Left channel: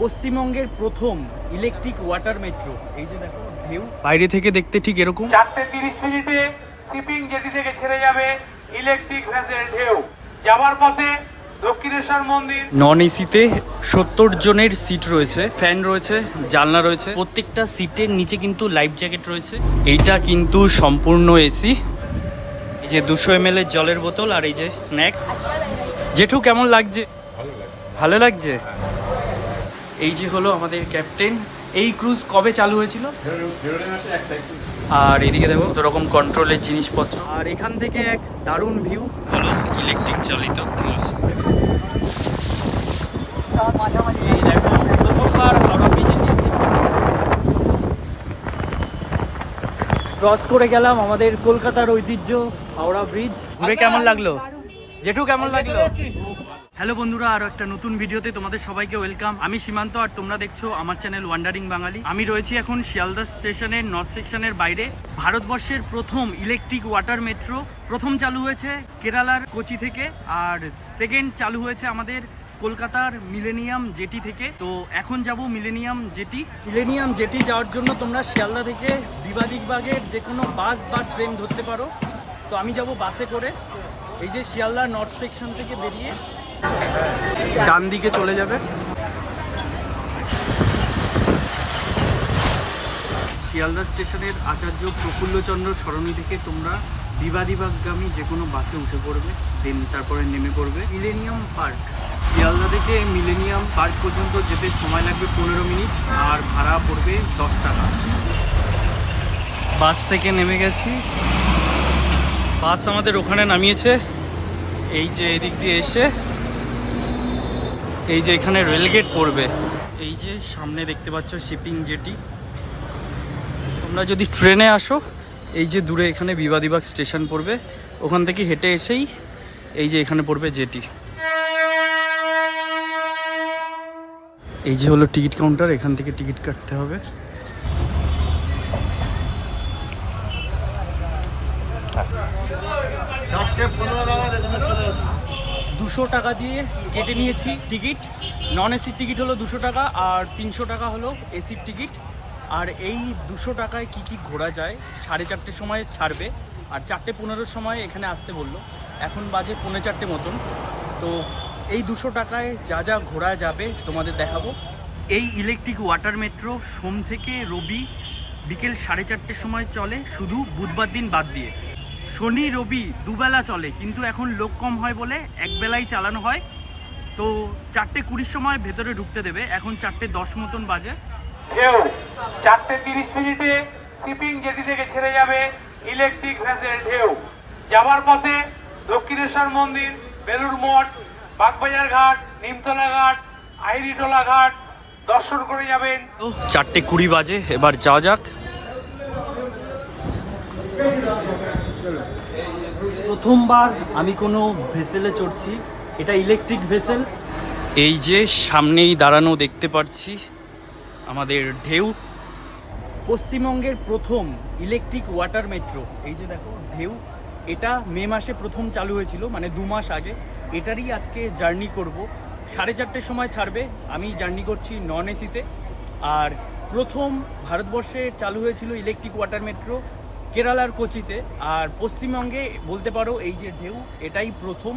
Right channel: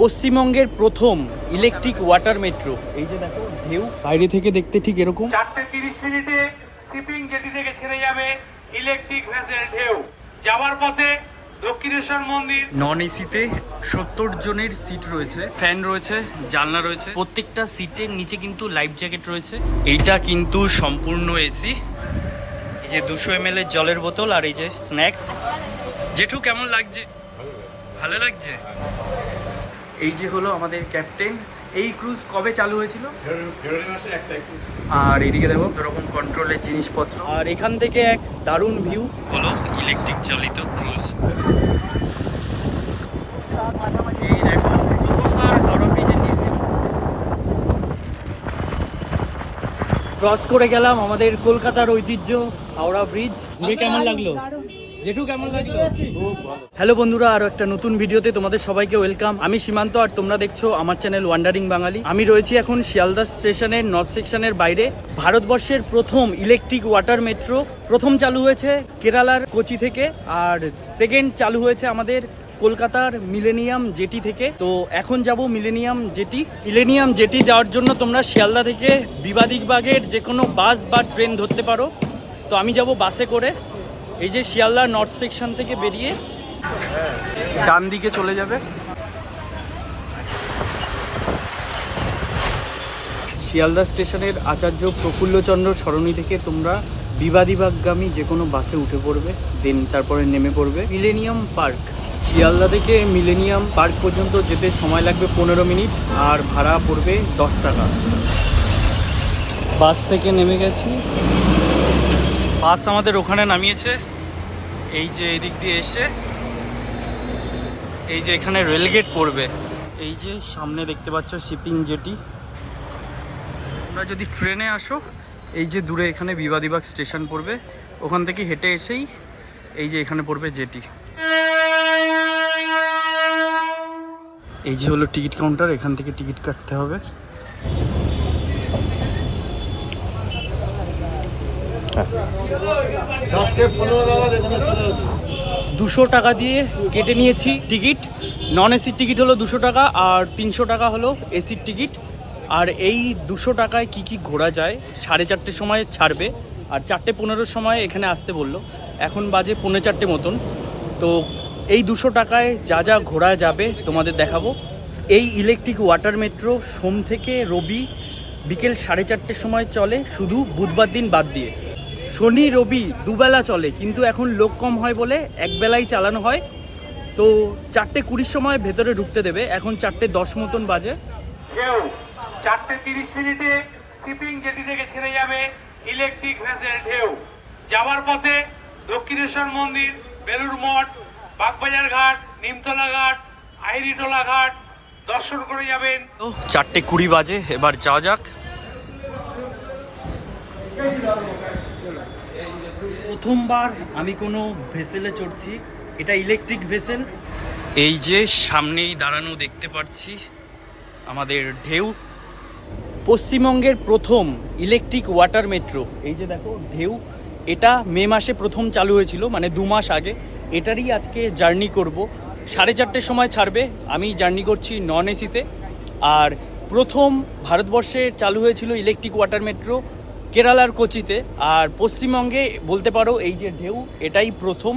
পশ্চিমবঙ্গের প্রথম electric water metro এই যে দেখো ঢেউ। বাইরে থেকে দেখতে ঠিক এরকম। চারটে তিরিশ মিনিটে শিপিং জেটি থেকে ছেড়ে যাবে ইলেকট্রিক ভেসেল ঢেউ। যাওয়ার পথে দক্ষিণেশ্বর মন্দির। নন এসিতে সত্তর জনের সিট রয়েছে ফ্যান রয়েছে জানলা রয়েছে। প্রত্যেকটা সিটের নিচে কিন্তু লাইফ জ্যাকেট রয়েছে। এইটা কিন্তু সম্পূর্ণ এসি। এই যে দুশো এম এর জলের বোতল আর এই যে স্ন্যাক জেঠু কেমন লাগছে। ভালো লাগছে? এই যে হলো আমাদের ক্যাপ্টেন, এই ক্রুজ কবে চালু হয়েছিল? আর এদিকে দেখো কত রকম কন্ট্রোলের জিনিসপত্র। আর এখান থেকে এক দারুণ ভিউ হলো ইলেকট্রিক চালিত ক্রুজ। দেখো ক্রস করে গেলাম আমাদের কলকাতার ঐতিহ্য, হাওড়া ব্রিজ ঘুরে কেমন লাগল? জেঠু কেমন লাগল? হ্যালো বন্ধুরা আরও একটা নতুন ভিডিওতে তোমাদের সবাইকে ওয়েলকাম। আমি সীমান্ত আর তোমরা দেখছ আমার চ্যানেল ওয়ান্ডারিং বাঙালি। আমি রয়েছি এখন শিয়ালদা স্টেশনের নর্থ সেকশনের বাইরে। ভারতবর্ষের প্রথম ইলেকট্রিক ওয়াটার মেট্রো প্রথম চালু হয়েছে কেরালার কোচি থেকে আর সেকেন্ড চালু হয়েছে আমাদের কলকাতার মিলেনিয়াম জেটি থেকে। তো এখন যাব মিলেনিয়াম জেটি মিলেনিয়াম জেটি যাওয়ার জন্য তোমরা শিয়ালদা থেকে বিবাদিকবাগের যে কোনো বাস বা ট্রেন ধরতে পারো। তো আমি যাব বাসে করে। এই যে শিয়ালদা নর্থ সেকশন থেকে বেরিয়ে ডান দিকে চলে যাবে। শিয়ালদা স্টেশনের আচার্য প্রফুল্লচন্দ্র সরণি থেকে তোমরা বিবাদিবাগগামী যে কোনো বাসে উঠে পড়বে, দেন তারপরে নেমে পড়বে। মিলেনিয়াম পার্ক শিয়ালদা থেকে মিলেনিয়াম পার্ক পর্যন্ত যেতে সময় লাগবে পনেরো মিনিট, আর ভাড়া পড়বে দশ টাকা। বাস থেকে নেমে গেছি। বাস আমাদের ওখানে নামিয়েছে। এই যে এদিক দিয়ে এসে, এই যে এখানে রেলগেট পড়বে। এই যে সামনে দেখতে পাচ্ছ শিপিং জেটি। তোমরা যদি ট্রেনে আসো, এই যে দূরে এখানে বিবাদিবাগ স্টেশন পড়বে। ওখান থেকে হেঁটে এসেই এই যে এখানে পড়বে জেটি। এই যে হলো টিকিট কাউন্টার, এখান থেকে টিকিট কাটতে হবে চারটে পনেরো নাগাদ এখানে চলে যেতে দুশো টাকা দিয়ে কেটে নিয়েছি টিকিট। নন এসির টিকিট হলো দুশো টাকা আর তিনশো টাকা হলো এসির টিকিট। আর এই দুশো টাকায় কি কি ঘোরা যায়, সাড়ে চারটের সময় ছাড়বে। আর চারটে পনেরোর সময় এখানে আসতে বলল। এখন বাজে পৌনে চারটে মতন। তো এই দুশো টাকায় যা যা ঘোরা যাবে তোমাদের দেখাবো। এই ইলেকট্রিক ওয়াটার মেট্রো সোম থেকে রবি বিকেল সাড়ে চারটের সময় চলে। শুধু বুধবার দিন বাদ দিয়ে। শনি রবি দুবেলা চলে কিন্তু এখন লোক কম হয় বলে একবেলাই চালানো হয়। তো চারটে কুড়ির সময় ভেতরে ঢুকতে দেবে এখন চারটে দশ মতন বাজে। চারটে তিরিশ মিনিটে শিপিং জেটি থেকে ছেড়ে যাবে ইলেকট্রিক ভেসেল ঢেউ। যাওয়ার পথে দক্ষিণেশ্বর মন্দির বেলুর মঠ বাগবাজার ঘাট নিমতলা ঘাট আইরিটোলা ঘাট দর্শন করে যাবেন। চারটে কুড়ি বাজে এবার যাওয়া যাক। প্রথমবার আমি কোনো ভেসেলে চড়ছি। এটা ইলেকট্রিক ভেসেল। এই যে সামনেই দাঁড়ানো দেখতে পাচ্ছি, আমাদের ঢেউ। পশ্চিমবঙ্গের প্রথম ইলেকট্রিক ওয়াটার মেট্রো এই যে দেখো, ঢেউ। এটা মে মাসে প্রথম চালু হয়েছিল মানে দু মাস আগে। এটারই আজকে জার্নি করব। সাড়ে চারটের সময় ছাড়বে। আমি জার্নি করছি নন এসিতে। আর প্রথম ভারতবর্ষে চালু হয়েছিল ইলেকট্রিক ওয়াটার মেট্রো কেরালার কোচিতে। আর পশ্চিমবঙ্গে বলতে পারো এই যে ঢেউ এটাই প্রথম।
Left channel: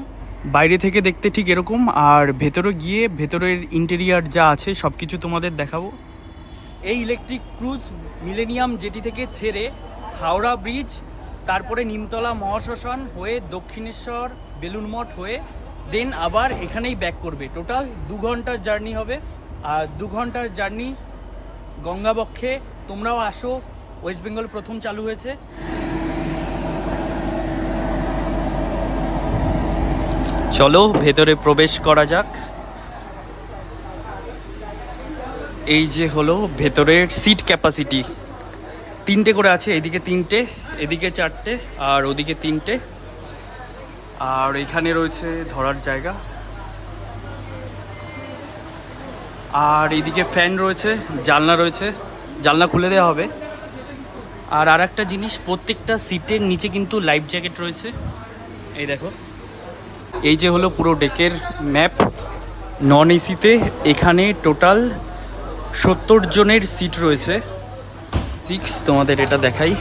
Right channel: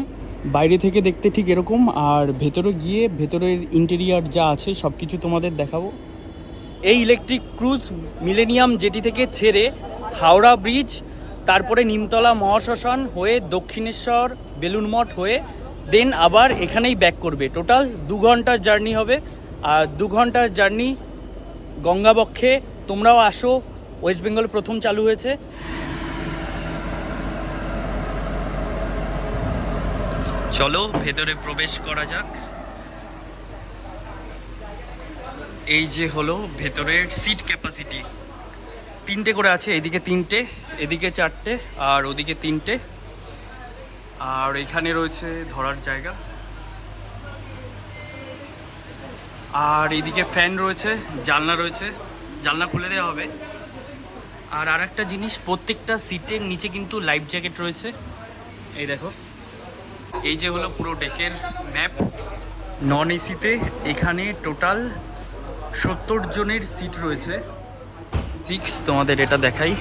বাইরে থেকে দেখতে ঠিক এরকম আর ভেতরে গিয়ে ভেতরের ইন্টেরিয়ার যা আছে সব কিছু তোমাদের দেখাবো। এই ইলেকট্রিক ক্রুজ মিলেনিয়াম জেটি থেকে ছেড়ে হাওড়া ব্রিজ তারপরে নিমতলা মহাশ্মশান হয়ে দক্ষিণেশ্বর বেলুন মঠ হয়ে দেন আবার এখানেই ব্যাক করবে। টোটাল দু ঘণ্টার জার্নি হবে। আর দু ঘণ্টার জার্নি গঙ্গাবক্ষে তোমরাও আসো ওয়েস্ট বেঙ্গল প্রথম চালু হয়েছে। চলো, ভেতরে প্রবেশ করা যাক। এই যে হলো ভেতরের সিট ক্যাপাসিটি তিনটে করে আছে, এদিকে তিনটে, এদিকে চারটে, আর ওদিকে তিনটে। আর এখানে রয়েছে ধরার জায়গা। আর এদিকে ফ্যান রয়েছে, জানলা রয়েছে। জানলা খুলে দেওয়া হবে। আর আর একটা জিনিস, প্রত্যেকটা সিটের নিচে কিন্তু লাইফ জ্যাকেট রয়েছে। এই দেখো। এই যে হলো পুরো ডেকের ম্যাপ নন এসিতে এখানে টোটাল সত্তর জনের সিট রয়েছে। সিক্স তোমাদের এটা দেখাই।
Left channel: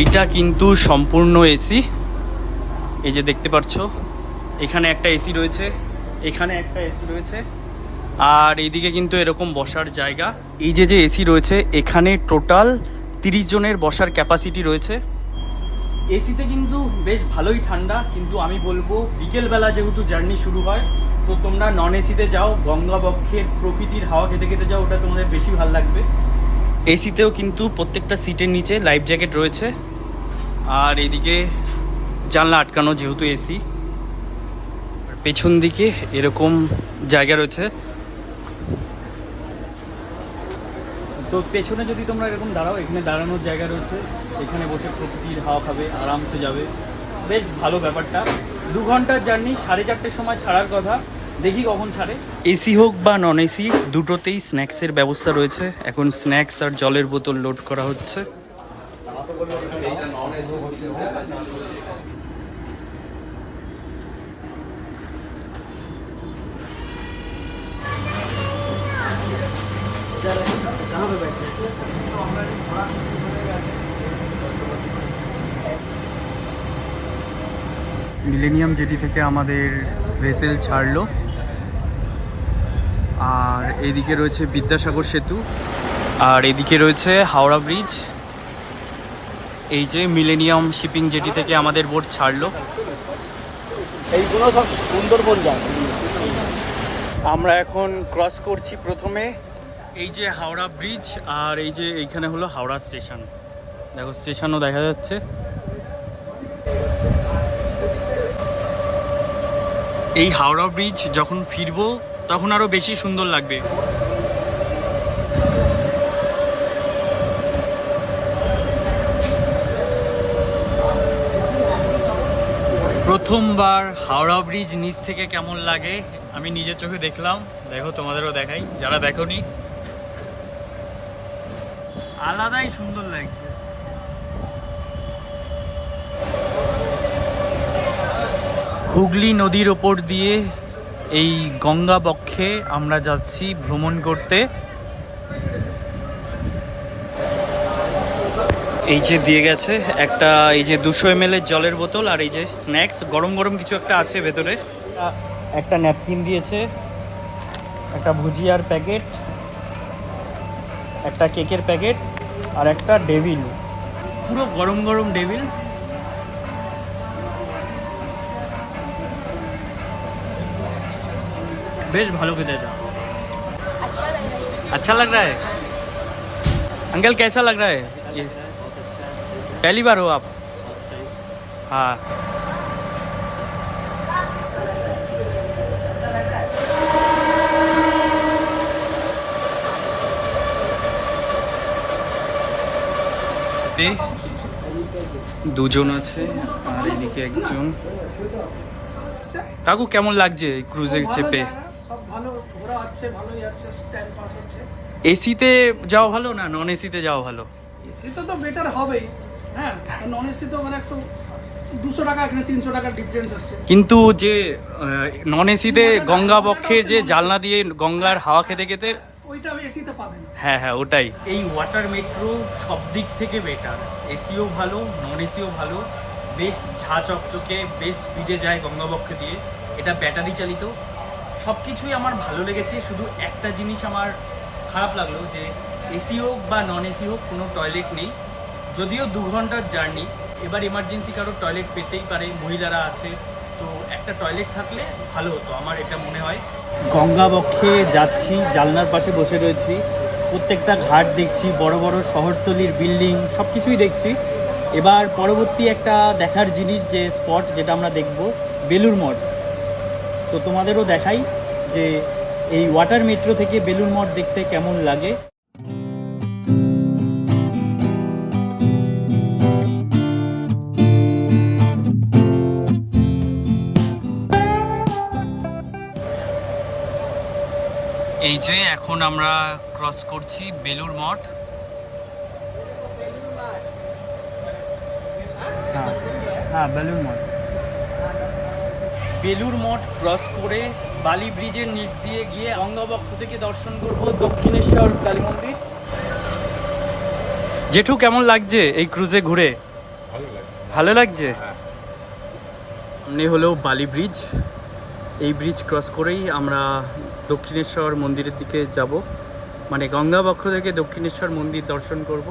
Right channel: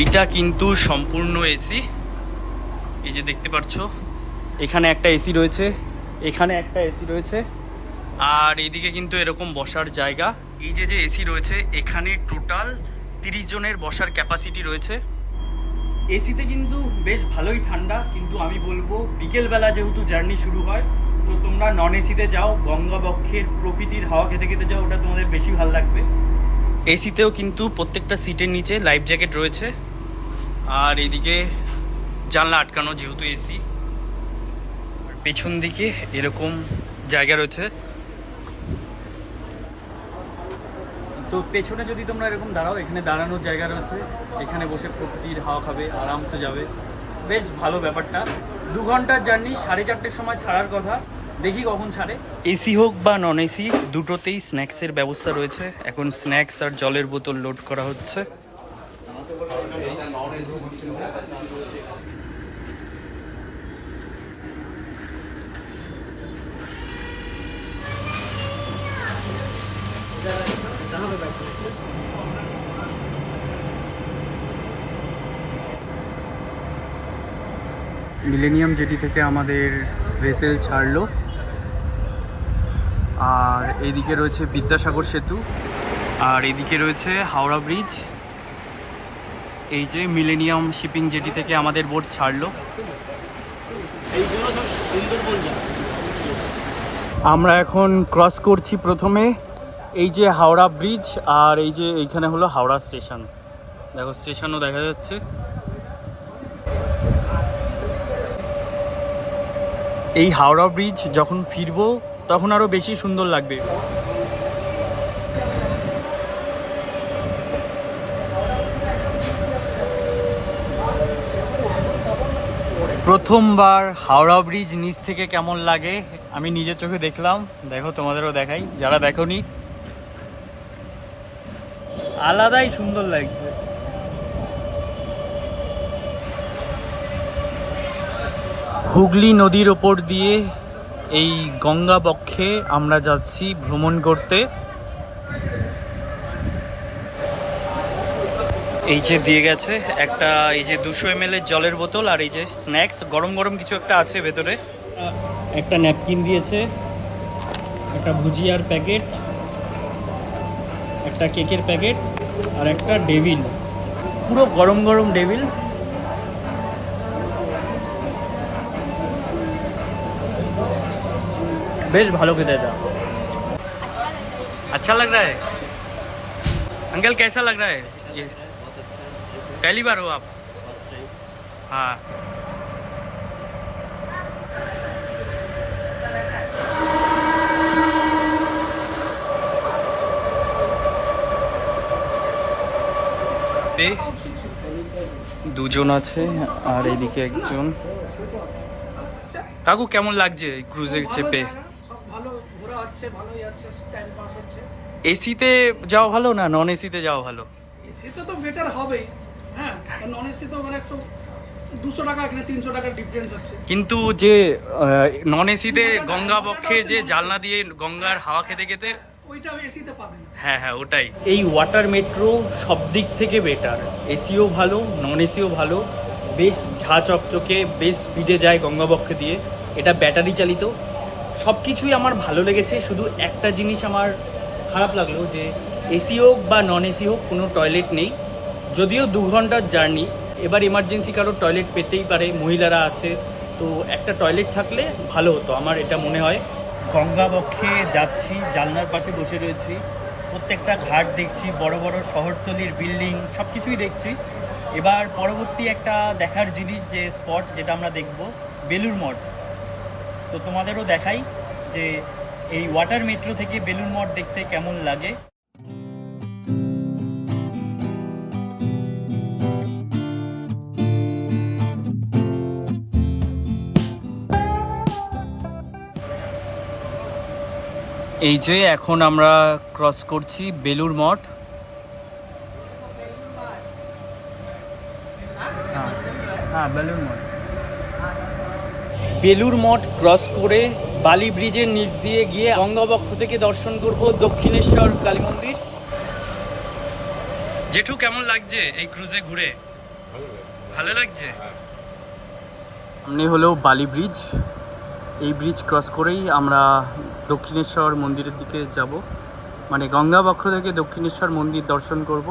এইটা কিন্তু সম্পূর্ণ এসি এই যে দেখতে পাচ্ছ, এখানে একটা এসি রয়েছে, এখানে একটা এসি রয়েছে। আর এইদিকে কিন্তু এরকম বসার জায়গা। এই যে যে এসি রয়েছে এখানে টোটাল তিরিশ জনের বসার ক্যাপাসিটি রয়েছে। এসিতে কিন্তু বেশ ভালোই ঠান্ডা কিন্তু আমি বলব বিকেলবেলা যেহেতু জার্নি শুরু হয় তো তোমরা নন এসিতে যাও গঙ্গাবক্ষের প্রকৃতির হাওয়া খেতে খেতে যাও ওটা তোমাদের বেশি ভালো লাগবে। এসিতেও কিন্তু প্রত্যেকটা সিটের নিচে লাইফ জ্যাকেট রয়েছে। আর এদিকে জানলা আটকানো যেহেতু এসি আর পেছন দিকে এরকম জায়গা রয়েছে। তো পেছনে যদি তোমরা এরকম দাঁড়াও, এখানে দাঁড়ানোর জায়গা রয়েছে। এখানে বসে প্রকৃতির হাওয়া খাবে, আরামসে যাবে। বেশ ভালো ব্যাপারটা। দু ঘণ্টার জার্নি, সাড়ে চারটের সময় ছাড়ার কথা। দেখি কখন ছাড়ে। এসি হোক বা নন এসি দুটোতেই স্ন্যাক্সের ব্যবস্থা রয়েছে। এখন স্ন্যাক্স আর জলের বোতল লোড করা হচ্ছে। মিলেনিয়াম জেটি থেকে আমাদের ভেসেল ছাড়লো। আর এদিকে রয়েছে বিদ্যাসাগর সেতু আর এদিকে রয়েছে হাওড়া ব্রিজ। এই যে মিলেনিয়াম শিপিং জেটি থেকে আমাদের বোট ছাড়লো। আমরা এখন ক্রস করছি প্রথমে। এই যে হাওড়া ব্রিজ আর এই যে এইখানে হলো হাওড়া স্টেশন। দেখো, স্টেশনও দেখা যাচ্ছে। এই হাওড়া ব্রিজ যখন ফিরবো, তখন আরও বেশি সুন্দর লাগবে। প্রথমবার হাওড়া ব্রিজ নিচ থেকে কেমন লাগে, আমি নিজের চোখে দেখলাম। দেখো, তোমাদেরও দেখাই। যারা দেখোনি আলাদাই সুন্দর লাগছে। হুগলি নদীর ওপর দিয়ে এই গঙ্গা বক্ষে আমরা যাচ্ছি ভ্রমণ করতে। এই যে দিয়ে গেছে একটা এই যে দুশো এম এর জলের বোতল আর এই যে স্ন্যাক্স গরম গরম কিছু একটা আছে ভেতরে। একটা ন্যাপকিন দিয়েছে একটা ভুজিয়ার প্যাকেট। একটা কেকের প্যাকেট আর একটা ডেভিল পুরো গরম গরম ডেভিল বেশ ভালো খেতে এটা अच्छा लग रहा है अंकल कैसा लग रहा है ये पहली बार हो आप हाँ এ দুজন আছে আর এদিকে একজন। কাকু কেমন লাগছে ক্রুজে চেপে এসিতে যাওয়া ভালো না নন এসিতে যাওয়া ভালো? এসিতে তো বেটার হবেই। হ্যাঁ নন এসি তো মানে একটু কিন্তু যে নন এসিতে গঙ্গা বক্ষের যে জালনা দিয়ে গঙ্গার হাওয়া খেতে খেতে ওইটা এসিতে পাবে না। হ্যাঁ হ্যাঁ ওটাই। এই ওয়াটার মেট্রো সব দিক থেকে বেটার এসিও ভালো নন এসিও ভালো। বেশ ঝা চকচকে, বেশ স্পিডে যায় গঙ্গাবক্ষে দিয়ে। এটা ব্যাটারি চালিত। সব কিছুই আমার ভালো লেগেছে। শুধু একটা জিনিস আমার খারাপ লাগল যে এসি হোক বা নন এসি হোক, কোনো টয়লেট নেই। যদিও দু ঘণ্টার জার্নি এবার এমার্জেন্সি কারও টয়লেট পেতেই পারে। মহিলারা আছে। তো একটা টয়লেট থাকলে ভালো হতো। আমার এটা মনে হয়। গঙ্গা বক্ষে যাচ্ছি, জালনার পাশে বসে রয়েছি। প্রত্যেকটা ঘাট দেখছি, বড় বড় শহরতলির বিল্ডিং সব কিছুই দেখছি। এবার পরবর্তী একটা দেখার জিনিস, যে স্পট যেটা আমরা দেখব বেলুর মঠ। তো তোমাদেরও দেখাই যে এই ওয়াটার মেট্রো থেকে বেলুর মঠ দেখতে কেমন লাগে। এই যে এখন আমরা ক্রস করছি বেলুর মঠ। হ্যাঁ হ্যাঁ বেলুর মঠ। বেলুর মঠ ক্রস করে বালি ব্রিজের নিচ দিয়ে গিয়ে গঙ্গাবক্ষ থেকে দর্শন করব দক্ষিণেশ্বর কালী মন্দির। জেঠু কেমন লাগছে এই ক্রুজে ঘুরে? ভালো লাগছে। সামনে হলো বালি ব্রিজ। ব্রিজ ক্রস করেই আমরা দক্ষিণেশ্বর মন্দিরের দিকে যাব। মানে গঙ্গাবক্ষ থেকে দক্ষিণেশ্বর মন্দির দর্শন করব।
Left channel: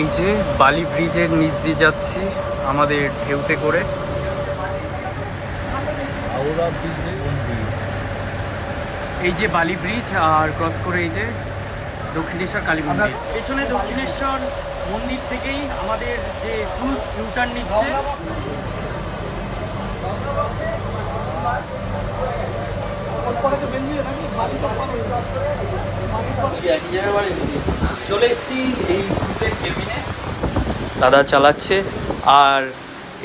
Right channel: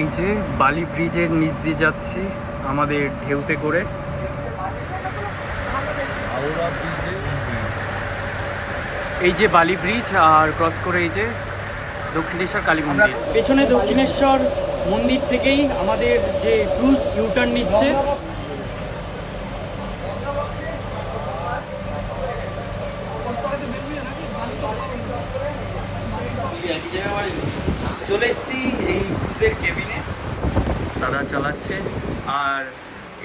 এই যে বালি ব্রিজের নিচ দিয়ে যাচ্ছি আমাদের ঢেউতে করে। এই যে বালি ব্রিজ আর ক্রস করে এই যে দক্ষিণেশ্বর কালী মন্দির। পেছনে দক্ষিণেশ্বর মন্দির থেকেই আমাদের যে ক্রুজ ইউটার্ন নিচ্ছে। চলে এসেছি এই ক্রুজের কেবিনে দাদা চালাচ্ছে। আর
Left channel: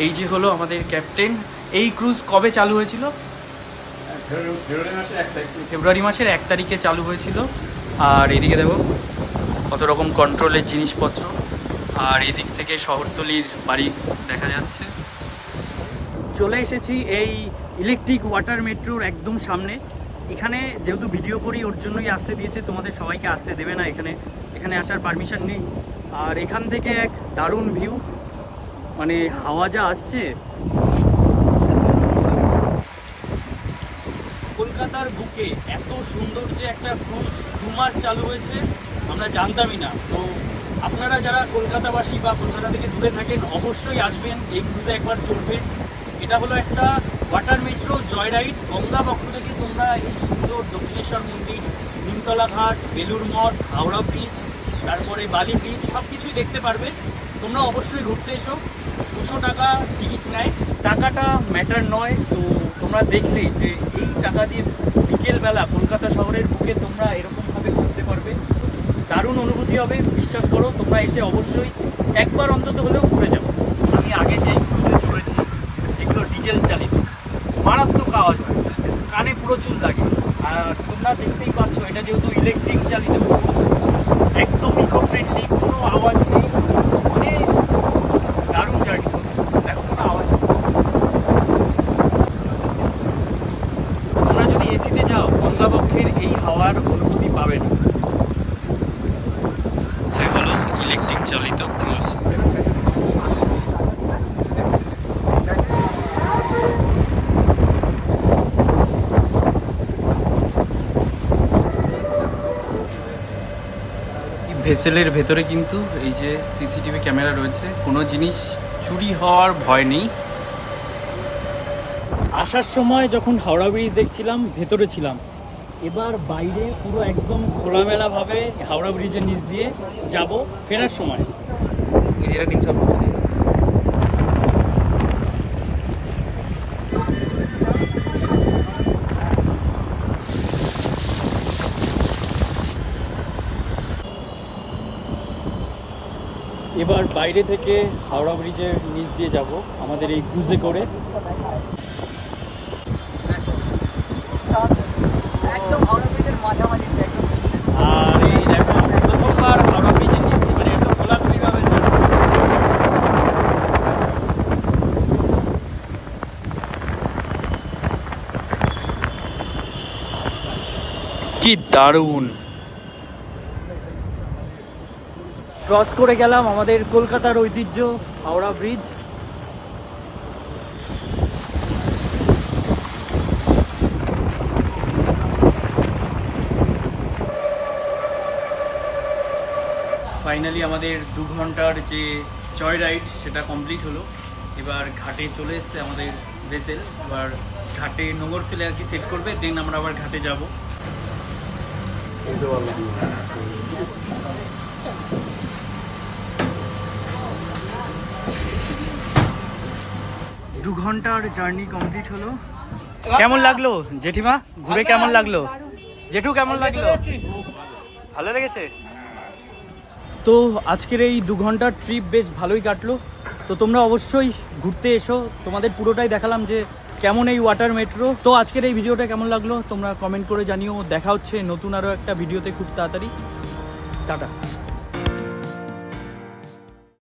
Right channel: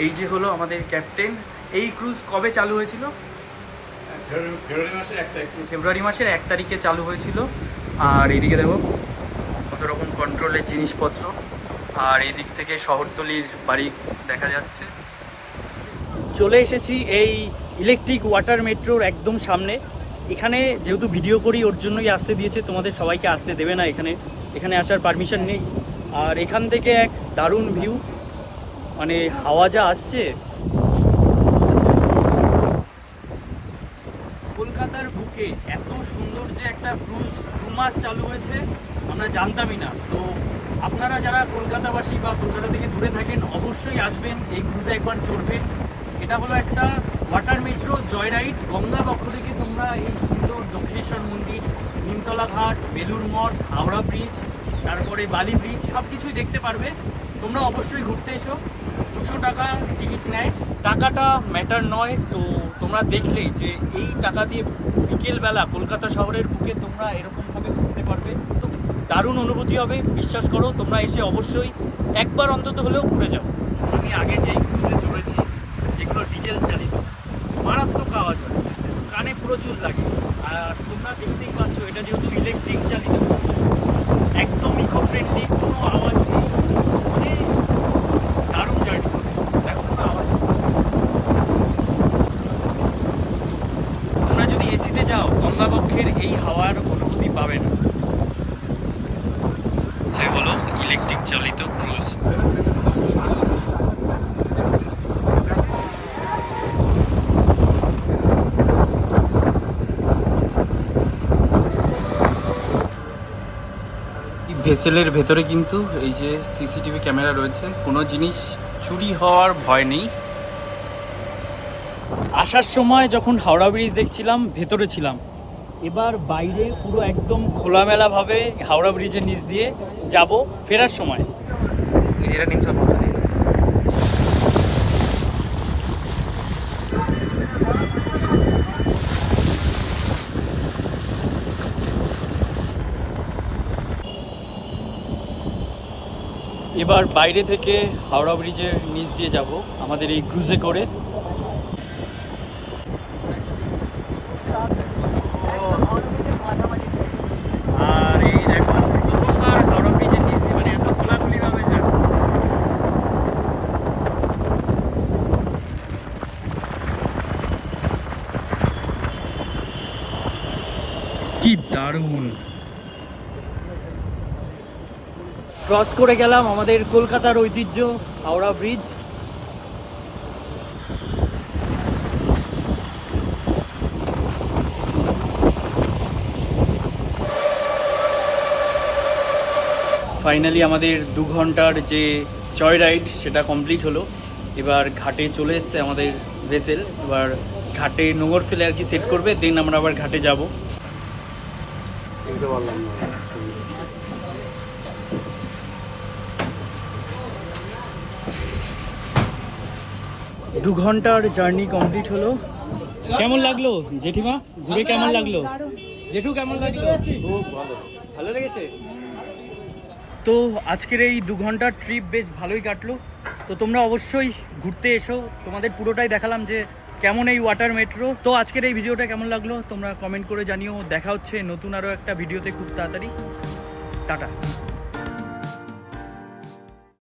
এই যে হলো আমাদের ক্যাপ্টেন এই ক্রুজ কবে চালু হয়েছিল? ফেব্রুয়ারি মাসের এক তারিখে। চালু হয়েছিল। আর এইদিকে দেখো কত রকম কন্ট্রোলের জিনিসপত্র। আর এই দিক থেকে শহরতলির বাড়ি দেখা যাচ্ছে। চলে এসেছি এই ইলেকট্রিক ওয়াটার মেট্রোর একদম সামনে। এখানে যেহেতু ভিডিও করি, ওর জন্যই আসতে দিয়েছে। তোমাদের সবাইকে আসতে দেবে না এখানে। এখানে আসার পারমিশন নেই। আর এখান থেকে এক দারুণ ভিউ মানে হাওয়া যা আসছে। কলকাতার বুকে এত সুন্দর যে একটা ক্রুজ দু মাস চালু হয়েছে। আমরা জানতামই না। তো আপনারা যারা কলকাতাবাসী বা কলকাতা থেকে দূরে থাকেন, অবশ্যই আসবেন, এই ক্রুজে একবার চড়বেন। এটা হলো একটা water metro joy ride Ganga পক্ষ থেকে তোমরা এই সুন্দর দক্ষিণেশ্বর মন্দির, নিমতলা ঘাট বেলুর মঠ, হাওড়া ব্রিজ তারপরে বালি ব্রিজ সব কিছুই দেখতে পারবে। তোমরা অবশ্যই ঘুরতে এসো। দুশো টাকা টিকিট নেয়। টাকাটা ম্যাটার নয়, তো তোমরা দেখলেই যে এই টাকা দিয়ে বিকেলবেলা কলকাতা শহরের বুকে তোমরা এরকমভাবে ঘুরতে পারবে। তো দারুণ অনুভূতি হবে, বিশ্বাস করো, তোমরা এসে অবশ্যই একবার অন্তত হলেও ঘুরে যাও। আমি আগে যেই ক্রুজে চড়েছি এগুলো ডিজেল চালিত। মারাত্মক আওয়াজ হয়, কানে প্রচুর লাগে। আর তোমরা দেখতেই পাচ্ছ, এটা যেহেতু ইলেকট্রিক চালিত। একদম ইকো ফ্রেন্ডলি কোনো আওয়াজ নেই। মানে দারুণ জার্নি দেখো, কোনো আওয়াজ। তোমরা যদি এসিতে যাও, গঙ্গাবক্ষের এই হাওয়ার অনুভূতি পাবে না। যে হলো ইলেকট্রিক চালিত ক্রুজ ভেসেলের ভেতরে কিন্তু এই যে সিসিটিভি ক্যামেরা রয়েছে, কোনো জিনিস চুরি হওয়ার ভয় নেই। আসার সময় যখন হাওড়া ব্রিজ দেখছিলাম, ভেতরে ছিলাম। এবার বাইরে পুরো একদম খোলামেলাভাবে হাওড়া ব্রিজের নিচ দিয়ে যাব ফেরার সময়। নিচে এবার বাইরে থেকে হাওড়া ব্রিজের নিচ দিয়ে যাব। আমাদের এই ক্রুজে করে আর এই দেখো প্রথমবার হাওড়া ব্রিজের নিচ দিয়ে মানে এত খোলাখুলি ভাবে যাচ্ছে কি দারুণ। ক্রস করে গেলাম আমাদের কলকাতার ঐতিহ্য, হাওড়া ব্রিজ ফাইনালি আমাদের দু ঘণ্টার যে জয় রাইড সেটা কমপ্লিট হলো। এবার ঘাটে চলে এসছে আমাদের ভেসেল এবার ঘাটে নোংর ফেলে আর কি সেট করবে দেন আমরা আবার ঘাটে যাব। দু ঘণ্টার জার্নি কমপ্লিট হলো। কেমন লাগল জেঠিমা? ঘুরে কেমন লাগল। জেঠু কেমন লাগল? ভালো। লেগেছে? তো আজকের এই দু ঘণ্টার ট্রিপ বেশ ভালোই কাটলো। তো তোমরা অবশ্যই ঘুরতে এসো। তোমাদের পুরোটাই দেখালাম যে কেমন এই ওয়াটার মেট্রো তো আজকের এই ভিডিওটা কেমন লাগল? তোমরা কমেন্ট করে জানিও। দেখা হচ্ছে নতুন আরও একটা ভিডিওতে খুব তাড়াতাড়ি। টাটা।